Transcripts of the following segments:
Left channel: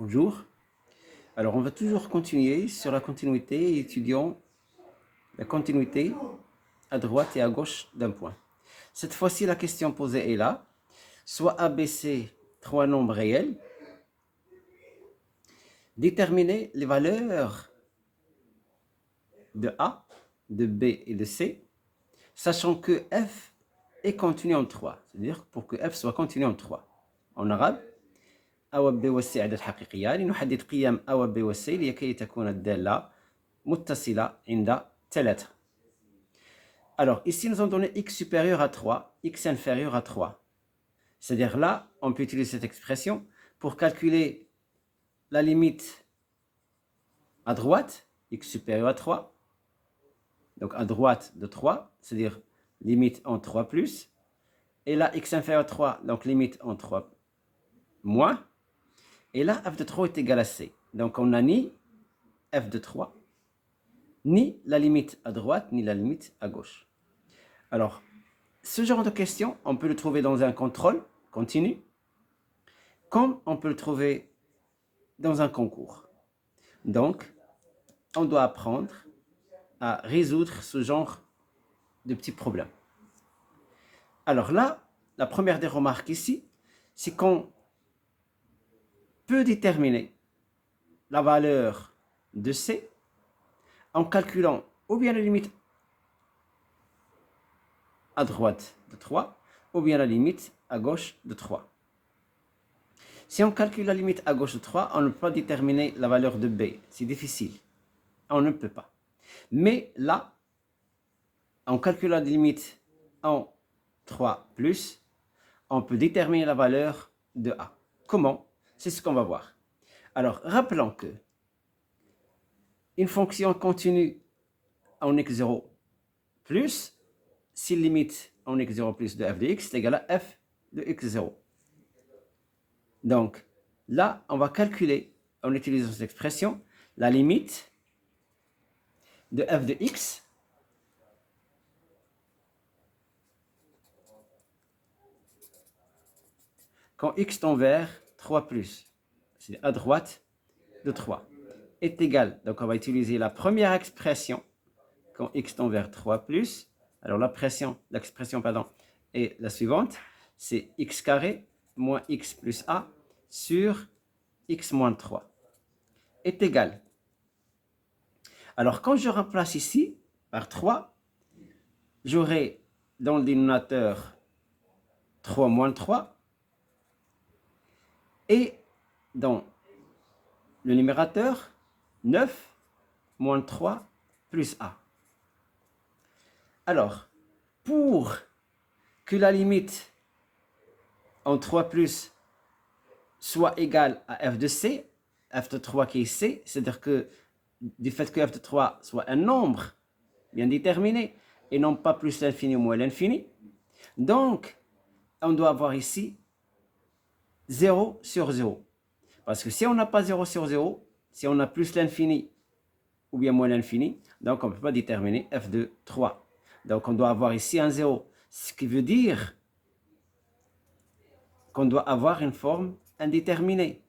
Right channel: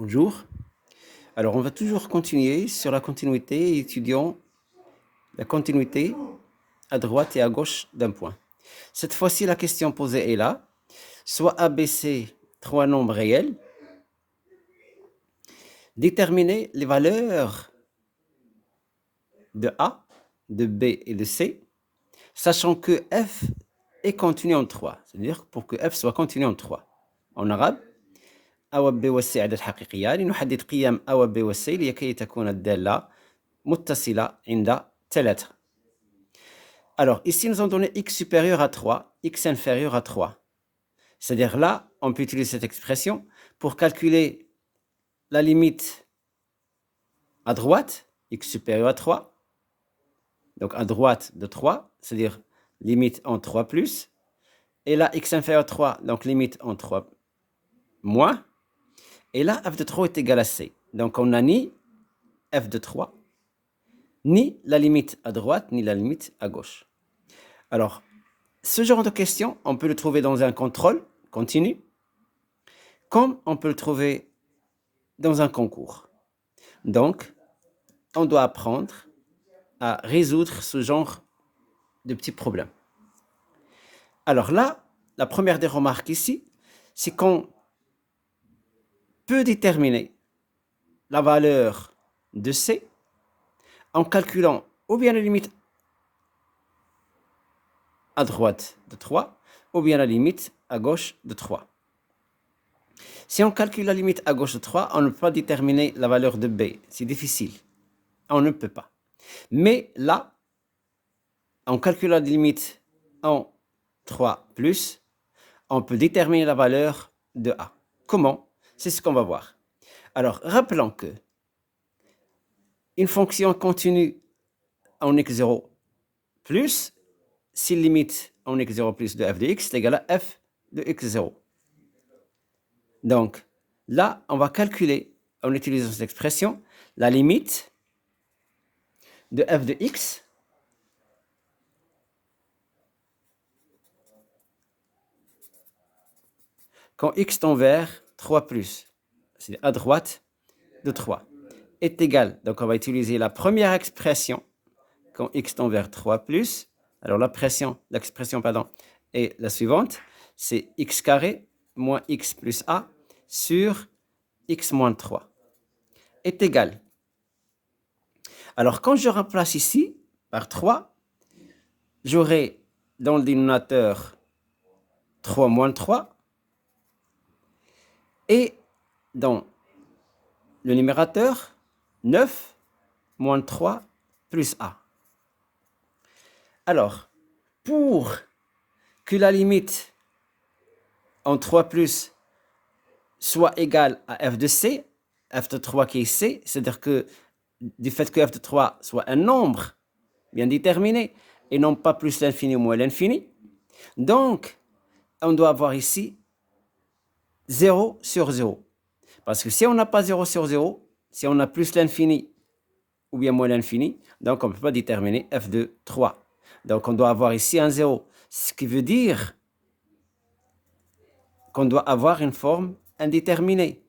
Bonjour. Alors, on va toujours continuer sur la continuité, étudiant la continuité à droite et à gauche d'un point. Cette fois-ci, la question posée est là. Soit ABC, trois nombres réels. Déterminer les valeurs de A, de B et de C, sachant que F est contenu en 3. C'est-à-dire pour que F soit contenu en 3. En arabe, A و B و C عدد حقيقيان نحدد قيم A و B و C لكي تكون الدالة متصلة عند 3. Alors, ici, nous avons donné x supérieur à 3, x inférieur à 3. C'est-à-dire là, on peut utiliser cette expression pour calculer la limite à droite, x supérieur à 3. Donc, à droite de 3, c'est-à-dire limite en 3 plus. Et là, x inférieur à 3, donc limite en 3 moins. Et là, f de 3 est égal à c. Donc, on n'a ni f de 3, ni la limite à droite, ni la limite à gauche. Alors, ce genre de question, on peut le trouver dans un contrôle continu, comme on peut le trouver dans un concours. Donc, on doit apprendre à résoudre ce genre de petits problèmes. Alors là, la première des remarques ici, c'est qu'on peut déterminer la valeur de C en calculant ou bien la limite à droite de 3, ou bien la limite à gauche de 3. Si on calcule la limite à gauche de 3, on ne peut pas déterminer la valeur de B. C'est difficile. On ne peut pas. Mais là, en calculant la limite en 3 plus, on peut déterminer la valeur de A. Comment? C'est ce qu'on va voir. Alors, rappelons que une fonction continue en x0 plus, si limite en x0 plus de f de x est égale à f de x0. Donc, là, on va calculer, en utilisant cette expression, la limite de f de x quand x tend vers 3 plus, c'est à droite de 3, est égal. Donc, on va utiliser la première expression quand x tend vers 3 plus. Alors, l'expression est la suivante. C'est x carré moins x plus a sur x moins 3 est égal. Alors, quand je remplace ici par 3, j'aurai dans le dénominateur 3 moins 3 et dans le numérateur 9 moins 3 plus a. Alors, pour que la limite en 3 plus soit égale à f de c, f de 3 qui est c, c'est-à-dire que du fait que f de 3 soit un nombre bien déterminé et non pas plus l'infini ou moins l'infini, donc on doit avoir ici 0 sur 0. Parce que si on n'a pas 0 sur 0, si on a plus l'infini ou bien moins l'infini, donc on ne peut pas déterminer f de 3. Donc on doit avoir ici un 0, ce qui veut dire qu'on doit avoir une forme indéterminée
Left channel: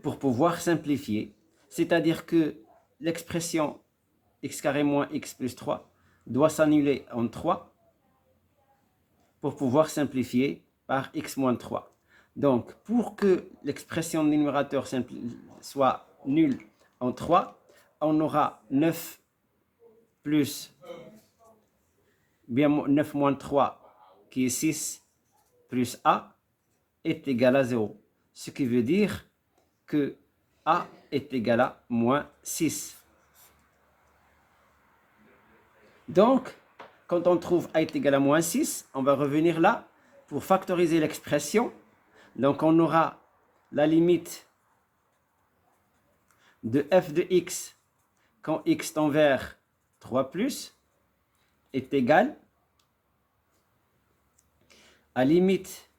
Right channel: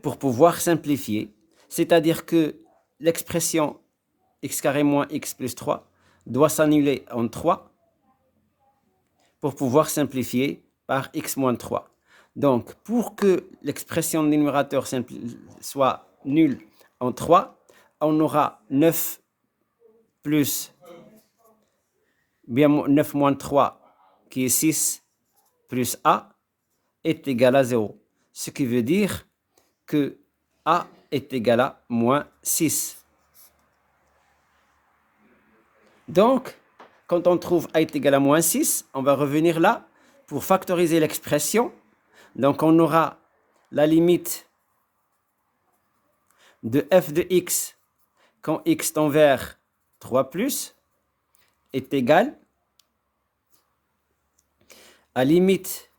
pour pouvoir simplifier. C'est-à-dire que l'expression x carré moins x plus 3 doit s'annuler en 3 pour pouvoir simplifier par x moins 3. Donc, pour que l'expression du numérateur soit nulle en 3, on aura 9 plus, bien 9 moins 3, qui est 6, plus a, est égal à 0. Ce qui veut dire que a est égal à moins 6. Donc, quand on trouve a est égal à moins 6, on va revenir là pour factoriser l'expression. Donc, on aura la limite de f de x quand x tend vers 3 plus est égal à limite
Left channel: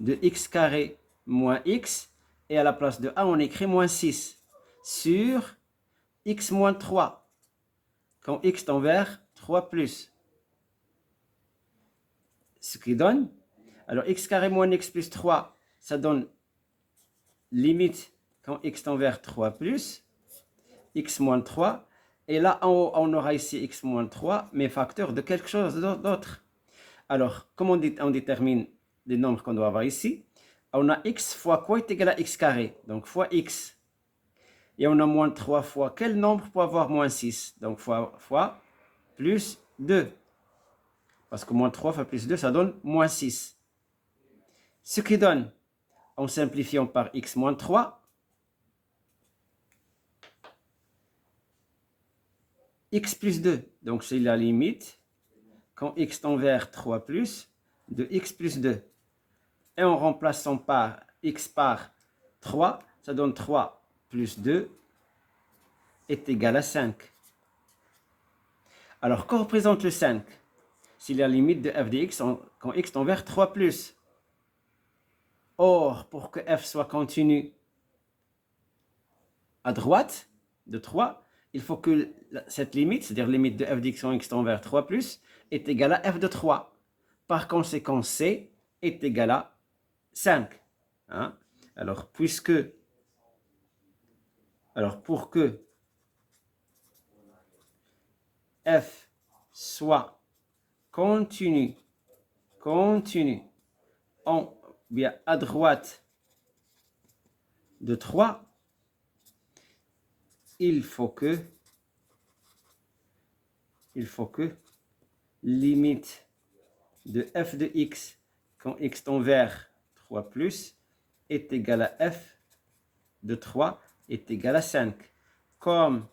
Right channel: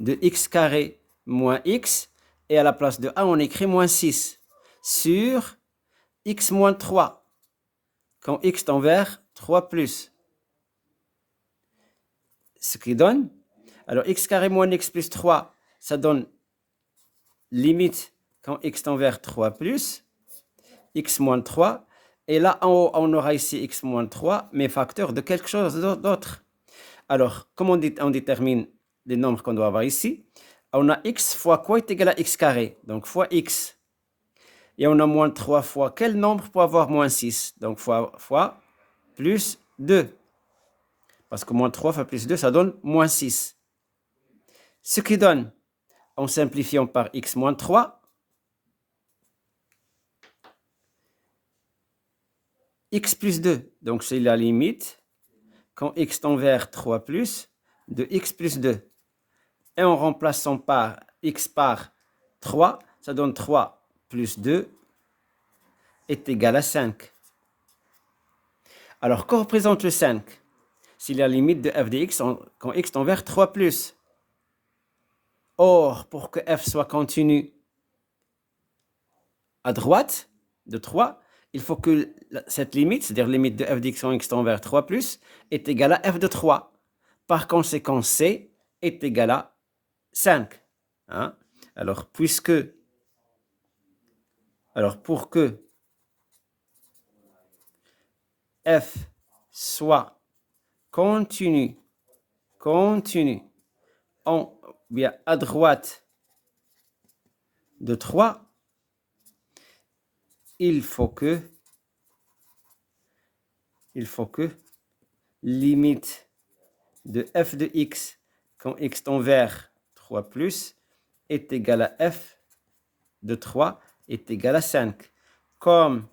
de x carré moins x, et à la place de a, on écrit moins 6 sur x moins 3 quand x tend vers 3 plus. Ce qui donne, alors x carré moins x plus 3, ça donne limite quand x tend vers 3 plus, x moins 3. Et là, en haut, on aura ici x moins 3, mais facteur de quelque chose d'autre. Alors, comment on détermine les nombres qu'on doit avoir ici? On a x fois quoi est égal à x carré, donc fois x. Et on a moins 3 fois quel nombre pour avoir moins 6? Donc fois plus 2. Parce que moins 3 fois plus 2, ça donne moins 6. Ce qui donne, en simplifiant par x moins 3, x plus 2. Donc c'est la limite, quand x tend vers 3 plus, de x plus 2. Et en remplaçant par x par 3, ça donne 3 plus 2 est égal à 5. Alors, que représente le 5? C'est la limite de f de x quand x tend vers 3 plus. Or, pour que f soit continu à droite de 3, il faut que cette limite, c'est-à-dire limite de f de x quand x tend vers 3 plus, est égale à f de 3. Par conséquent, c est égal à 5. Hein? Alors, pour que f soit continu bien à droite de 3, il faut que limite de f de x quand x tend vers 3 plus est égal à f de 3 est égal à 5. Comme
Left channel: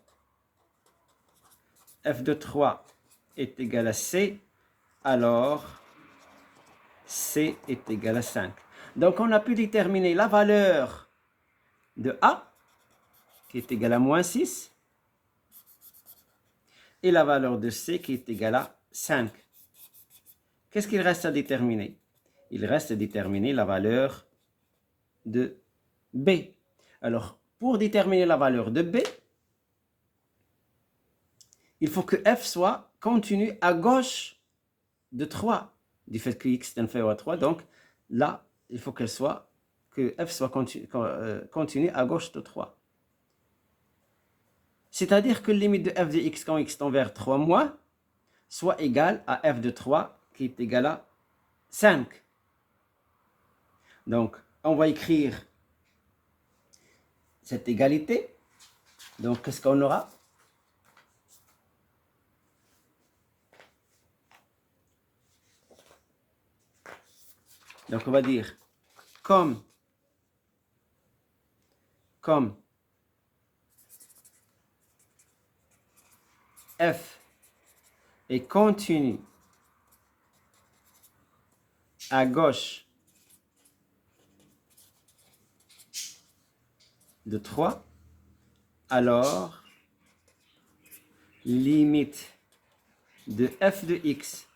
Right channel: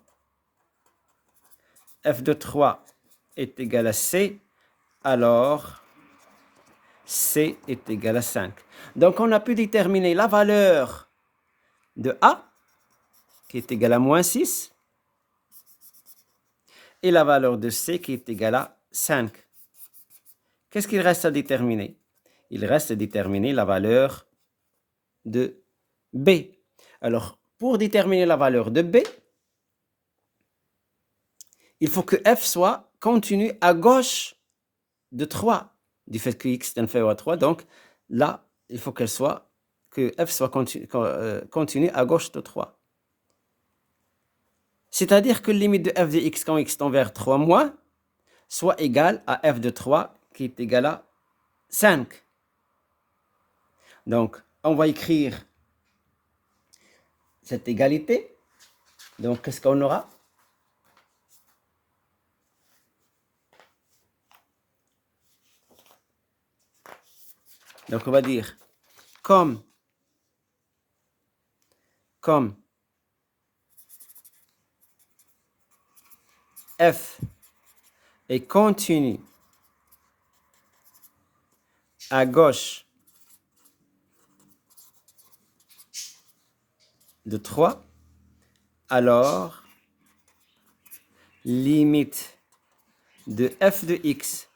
f de 3 est égal à c, alors c est égal à 5. Donc on a pu déterminer la valeur de a, qui est égale à moins 6, et la valeur de c, qui est égale à 5. Qu'est-ce qu'il reste à déterminer? Il reste à déterminer la valeur de b. Alors, pour déterminer la valeur de b, il faut que f soit continu à gauche de 3, du fait que x est inférieur à 3. Donc, là, il faut que f soit continu à gauche de 3. C'est-à-dire que la limite de f de x quand x tend vers 3 moins soit égale à f de 3 qui est égal à 5. Donc, on va écrire cette égalité. Donc, qu'est-ce qu'on aura? Donc, on va dire comme f est continu à gauche de 3, alors limite de f de x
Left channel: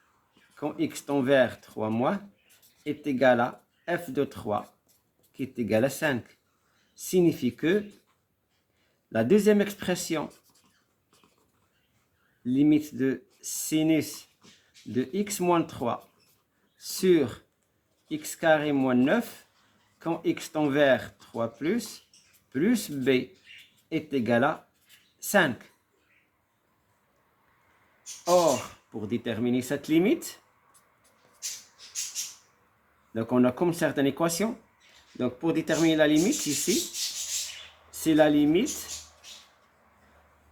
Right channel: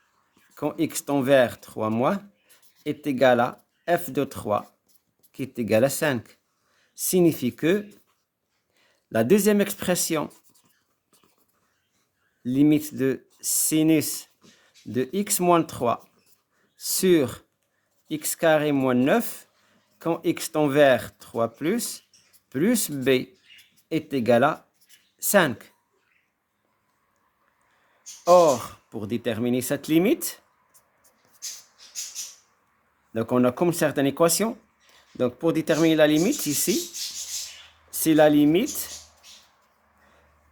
quand x tend vers 3 moins est égal à f de 3 qui est égal à 5. Signifie que la deuxième expression, limite de sinus de x moins 3 sur x carré moins 9 quand x tend vers 3 plus b est égal à 5. Or, pour déterminer cette limite, donc on a comme certaine équation. Donc pour déterminer la limite ici, c'est la limite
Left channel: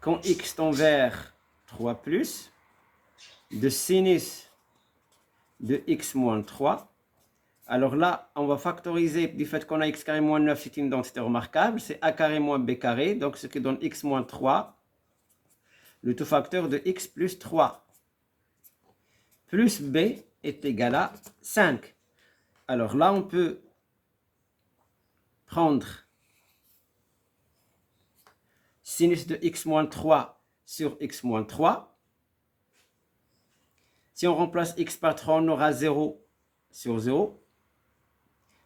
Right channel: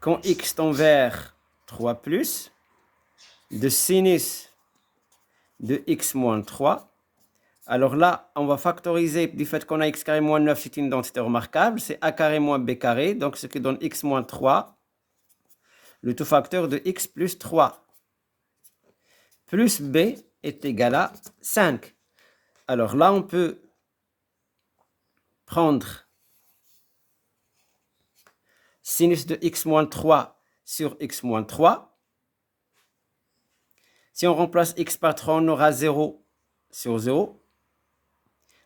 quand x tend vers 3 plus de sinus de x moins 3. Alors là, on va factoriser du fait qu'on a x carré moins 9, c'est une densité remarquable, c'est a carré moins b carré, donc ce qui donne x moins 3, le tout facteur de x plus 3, plus b est égal à 5. Alors là, on peut prendre sinus de x moins 3 sur x moins 3. Si on remplace x par 3, on aura 0 sur 0.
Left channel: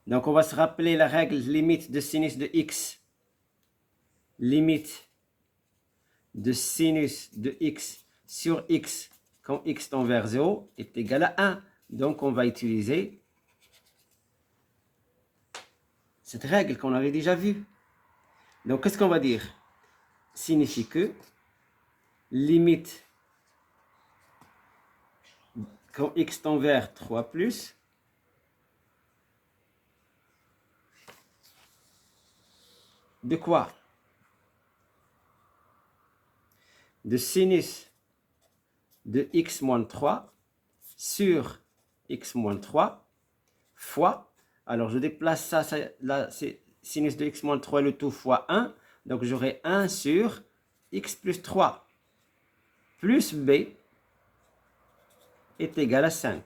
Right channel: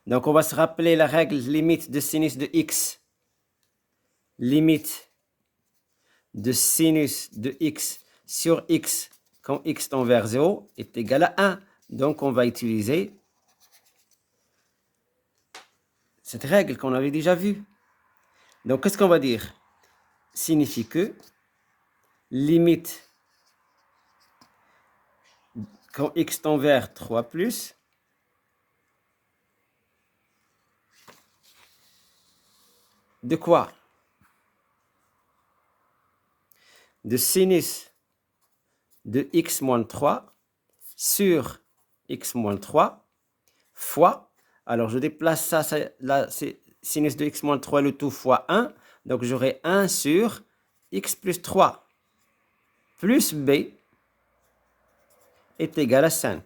Donc, on va se rappeler la règle limite de sinus de x. Limite de sinus de x sur x quand x tend vers 0 est égal à 1. Donc, on va utiliser cette règle qu'on avait déjà vue. Donc, qu'est-ce qu'on va dire? Signifie que limite quand x tend vers 3 plus, de quoi? De sinus de x moins 3 sur x moins 3 fois, alors je déplace ça, là c'est sinus de x moins 3 le tout fois 1, donc j'aurai 1 sur x plus 3 plus b est égal à 5.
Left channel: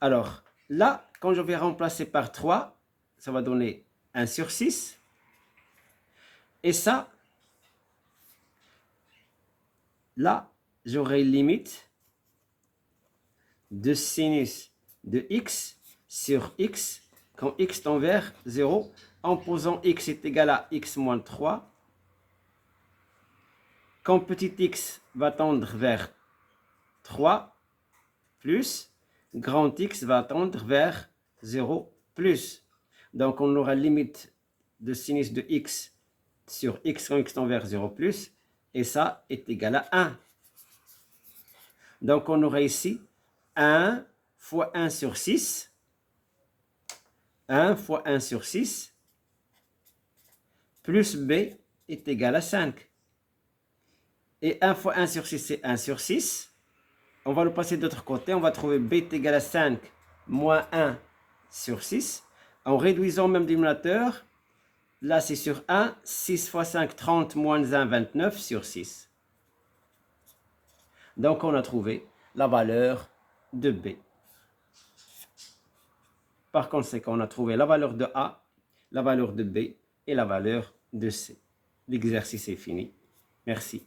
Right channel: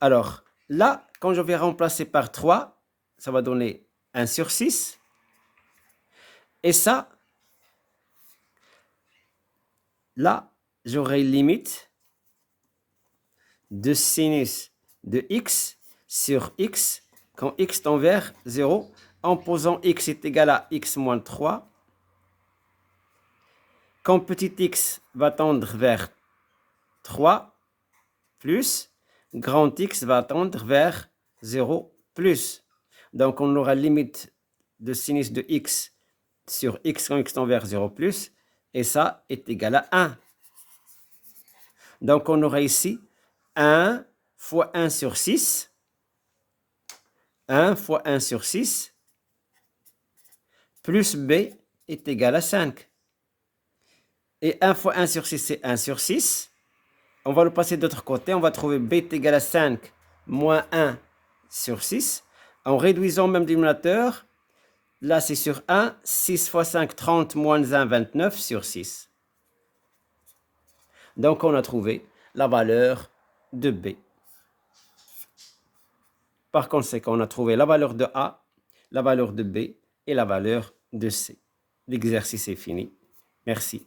Alors là, quand je vais remplacer par 3, ça va donner 1 sur 6. Et ça, là, j'aurai limite de sinus de x sur x quand x tend vers 0 en posant x est égal à x moins 3. Quand petit x va tendre vers 3 plus, grand x va tendre vers 0 plus. Donc on aura limite de sinus de x sur x quand x tend vers 0 plus, et ça est égal à 1. Donc on aura ici 1 fois 1 sur 6, 1 fois 1 sur 6, plus b est égal à 5. Et 1 fois 1 sur 6, c'est 1 sur 6. On va le passer de l'autre côté, on va trouver b est égal à 5 moins 1 sur 6. En réduisant même dénominateur, là c'est sur 1, 6 fois 5, 30 moins 1, 29 sur 6. Donc on a trouvé la valeur de b. Par conséquent, on a trouvé la valeur de A, la valeur de B et la valeur de C. L'exercice est fini. Merci.